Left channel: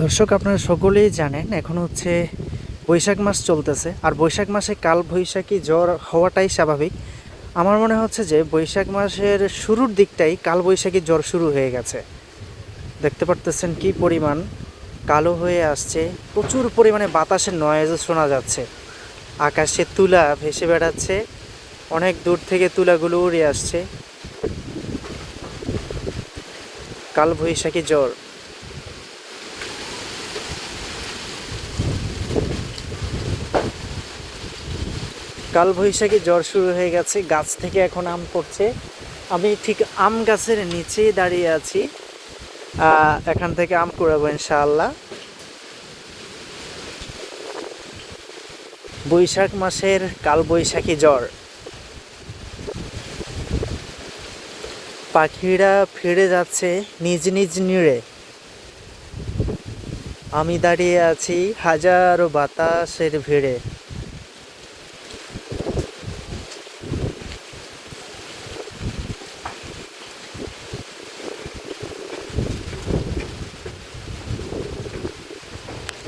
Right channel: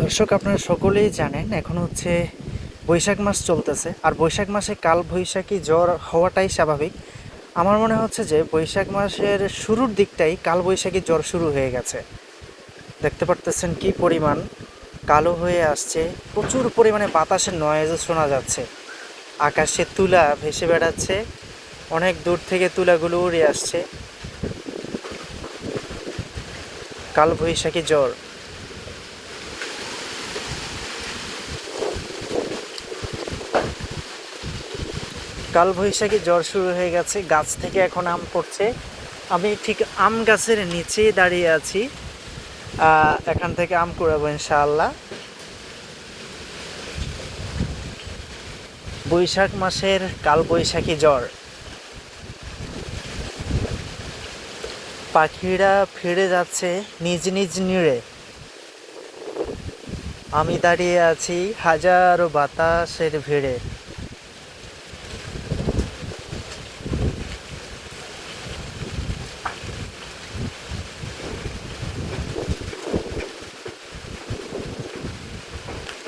দর্শক, আপনারা সকলেই জানেন এখন হচ্ছে বৈশাখ মাস চলতেছে, আর বৈশাখ মাসে কাল বৈশাখী জ্বর হওয়াটাই স্বাভাবিক। আমার মনে হচ্ছে যে বৈশাখ মাসের শুরুর দিকটাই কাল বৈশাখী জ্বর শুরু হয়ে গেছে। দেখতে পারতেছেন কি পরিমাণ কালো হয়ে আসছে, প্রচুর পরিমাণে বাতাসের নয়েজও শোনা যাচ্ছে, আকাশে তুলা ভেসে বেড়াচ্ছে, অনেক দূর থেকে তুলাগুলো উড়ে আসছে। কাল বৈশাখী জ্বর, কালবৈশাখী জ্বর শুরু হয়ে গেছে, গাছ থেকে এখন আম পড়ছে। আমি ঠিক আম গাছের নিচে দাঁড়িয়ে আছি, এখান থেকে আম কুড়াবো ইনশাআল্লাহ। বৈশাখ মাসের কালবৈশাখী জ্বর, পাখিরা ফিরে যাচ্ছে নিজ নিজ নিড়ে, আমি দাঁড়িয়ে আছি হাজারো বাতাসের ভিড়ে।